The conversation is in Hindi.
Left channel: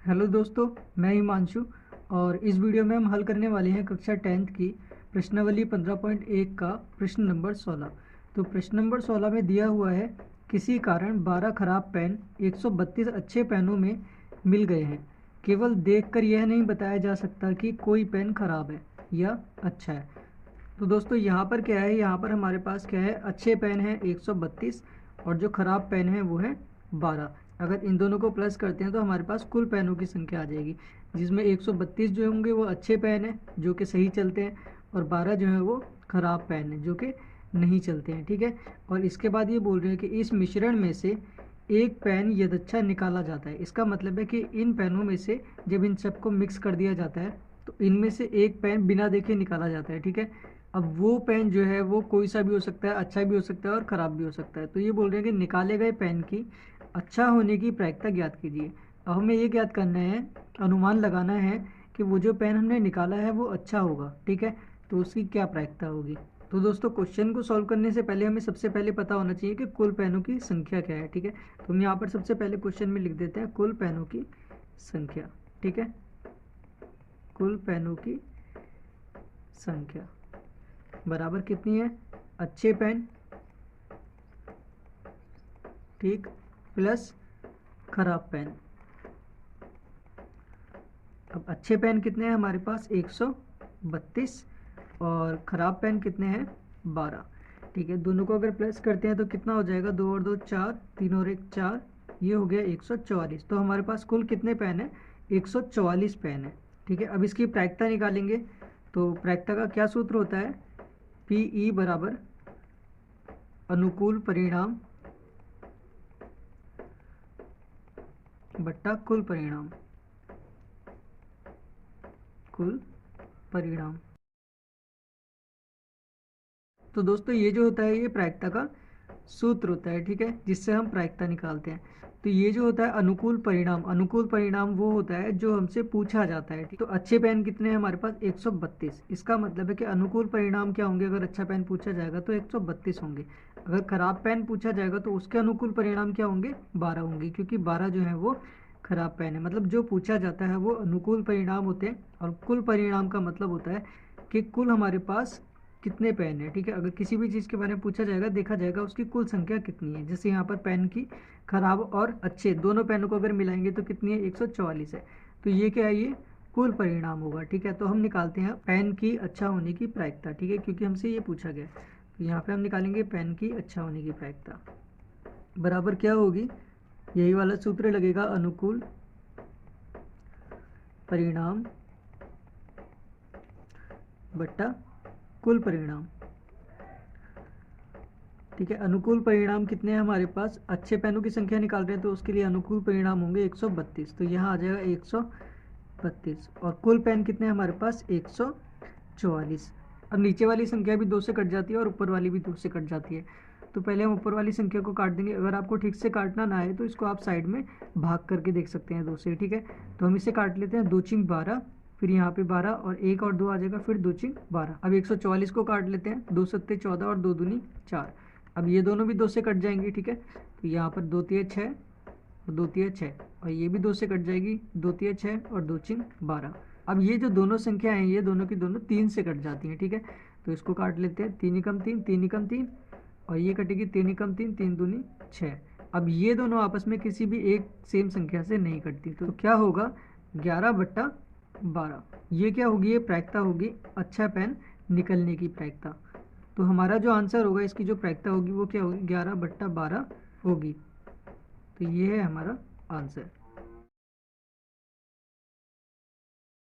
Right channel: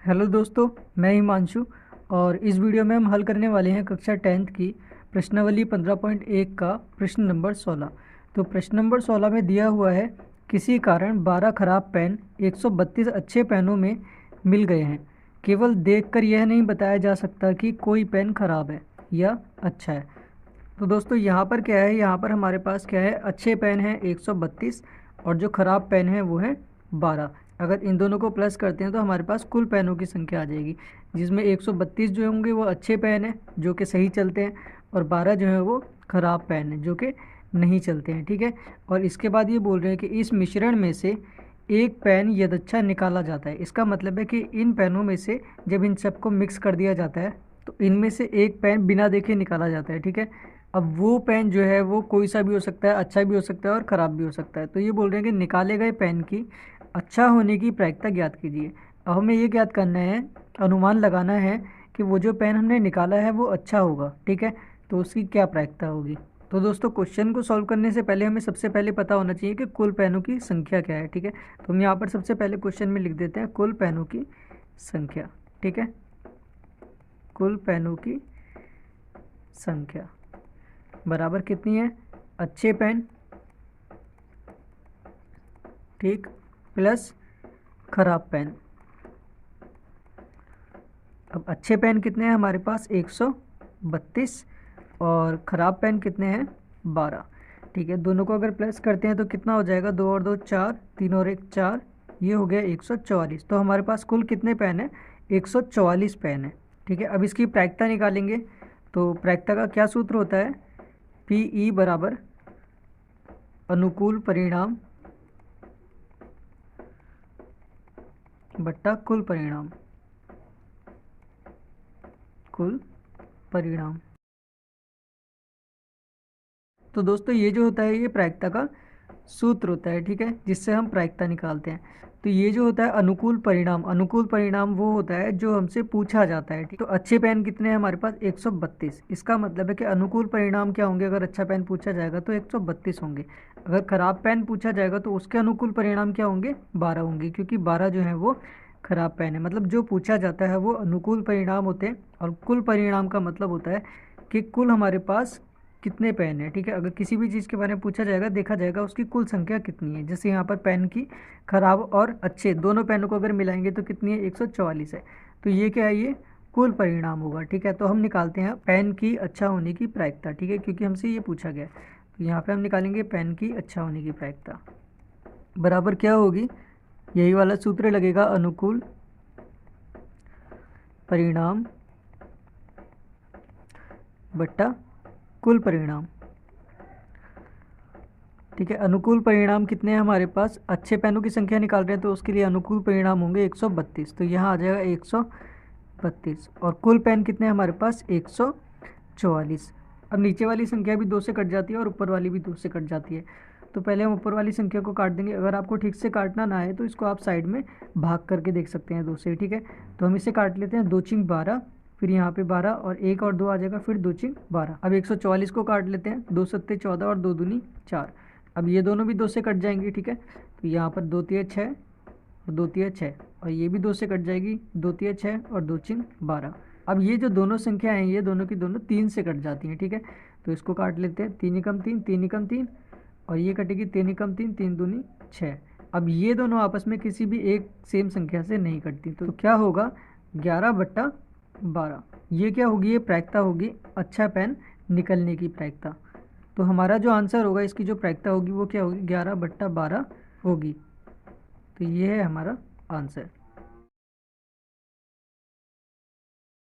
हेलो दोस्तों, मैं हिमांशु। और इस वीडियो में हम हल करने वाले हैं कक्षा 10th की प्रश्नावली 15.1 का प्रश्न नंबर 16। तो प्रश्न नंबर 16 में दिया हुआ है, किसी कारण 12 खराब पेन 132 अच्छे पेनों में मिल गए हैं। केवल देखकर यह नहीं बताया जा सकता कि कोई पेन खराब है या अच्छा है। तो दोस्तों यहाँ पर क्या है, यहाँ पर हमारे पास क्या है, अच्छे पेन है 132 और जो ख़राब पेन है वो है 12। अगर इन दोनों को प्लस करते हैं तो हमारे पास कुल पेनों की संख्या आ जाएगी, जिसमें 132 जो होंगे वो अच्छे पेन हैं जो कि सही चलते हैं, और 12 जो है वो ख़राब पेन है जो कि नहीं चलते हैं। ठीक है। और इसके बाद ये बोल रहे हैं कि इस मिश्रण में से एक पेन यदच्छा निकाला जाता है। इसका मतलब है कि इन पेनों में से जब इन सबको मिक्स कर दिया जाता है तो इनमें से एक पेन बिना देखे निकाला जाता है। ठीक है। अब वो पेन जो है वो कोई सा भी हो सकता है, अच्छा भी हो सकता है और ख़राब भी हो सकता है। तो ये बोल रहे हैं कि निकाले गए पेन की अच्छा होने की प्रायिकता ज्ञात कीजिए। अब हमें ये ज्ञात करना है, अनुमान लगाना है कि वो जो पेन हमने निकाला है वो अच्छा होगा। ठीक है। तो उसकी क्या प्रायिकता होगी। तो दोस्तों क्वेश्चन को सॉल्व करने से पहले हमें सबसे पहले पता होना चाहिए कि कुल पेनों की संख्या क्या है। ठीक है। तो हम यहाँ पर सबसे पहले क्वेश्चन में लिख देते हैं कुल पेनों की संख्या। ठीक है। कुल पेनों की संख्या बराबर कितनी है, अच्छे पेन, ठीक, प्लस खराब पेन। अब अच्छे पेन कितने हैं हमारे पास 132 और ख़राब पेन कितने हैं 12। ठीक है। दोनों को अगर प्लस करते हैं तो कितना हो जाएगा, 2 और 2 4, 3 और 1 4, ये हो गया 144। तो हमारे पास कुल कितने पेन है, 144 पेन है। ठीक है। अब इसकी प्रायिकता निकालेंगे। तो प्रायिकता का क्या सूत्र होता है, पी ई बराबर अनुकूल परिणाम बट्टा कुल परिणाम। कुल परिणाम। तो दोस्तों ये जो होता है ये प्रायिकता का सूत्र होता है। ठीक है। जिससे हम प्रायिकता निकालते हैं। तो ये जो होता है अनुकूल परिणाम, अनुकूल परिणाम वो होता है जो हमसे पूछा जाता है। ठीक। तो अच्छे पेन कितने हैं हमारे पास 132। इसका मतलब है कि अनुकूल परिणाम क्या होंगे, अगर अच्छा पेन पूछा जाएगा तो 132 होंगे। अगर खराब पेन पूछा जाएगा तो उसके अनुकूल परिणाम क्या होंगे, 12 होंगे, क्योंकि 12 जो है वो खराब पेन है। मतलब जो पूछा जाता है वो अनुकूल परिणाम होते हैं, और कुल परिणाम का मतलब होता है कि कुल हमारे पास कितने पेन है। ठीक है। अगर किसी भी चीज़ के बारे में पूछा जाएगा, देखा जाएगा उसकी कुल संख्या कितनी है। जैसे यहाँ पर पेन की खराब और अच्छे दोनों पेनों को अगर मिलाएंगे तो कितनी है, 144 है। तो ये क्या है, ये कुल परिणाम होगा। ठीक है। तो हम निकालते हैं पेन की अच्छा होने की प्रायिकता। ठीक है। क्योंकि हमसे ये पूछा गया है तो यहाँ पे हम निकालेंगे पेन की अच्छा होने की प्रायिकता बराबर क्या होगी, यही वाला सूत्र लगेगा, अनुकूल परिणाम बट्टा कुल परिणाम। ठीक है। अनुकूल परिणाम कितने हैं हमारे पास, अच्छे पेनों की संख्या निकाल रहे हैं तो उसके लिए अनुकूल परिणाम होंगे 132। तो यहाँ आ जाएगा 132। और कुल पेन कितने हैं हमारे पास 144। अब नीचे वाली संख्या भी 2 से कट जाती है और ऊपर वाली भी 2 से कट जाती है। तो पहले हम ऊपर वाली संख्या को काट देंगे। अगर आपको ठीक से काटना ना है तो इसको आप साइड में भाग करके देख सकते हैं 2 से। ठीक है। तो हम इसे काट लेते हैं, 2 चिंग 12, फिर यहाँ पे 12 और 1 और 2 आ जाएगा, फिर 2 चिंग 12। अब 144 को काट लेते हैं, 2 सत्ते 14 और 2 दूनी 4। अब ये दोनों भी 2 से कट जाएंगे। ठीक है। तो यहाँ पर 2 तिया 6 और 2 तिया 6, और ये भी 2 से कट जाएगी, 2 तिया 6 और 2 चिंग 12। अब ये जो दोनों संख्या हैं ये दोनों की दोनों 3 से कट जाती हैं। ठीक है। तो इसको काट लेते हैं, 3 एकम 3, 3 एकम 3, और ये कटेगी 3 एकम 3, 3 दूनी 6। अब ये दोनों आपस में किसी भी एक सेम संख्या से नहीं कटती। तो क्या होगा, 11/12। ये क्या होगी, ये प्रायिकता होगी अच्छा पेन निकलने की प्रायिकता। तो हमारा जो आंसर होगा, इसकी जो प्रायिकता होगी वो क्या होगी, 11/12 होगी। तो ये है हमारा आंसर।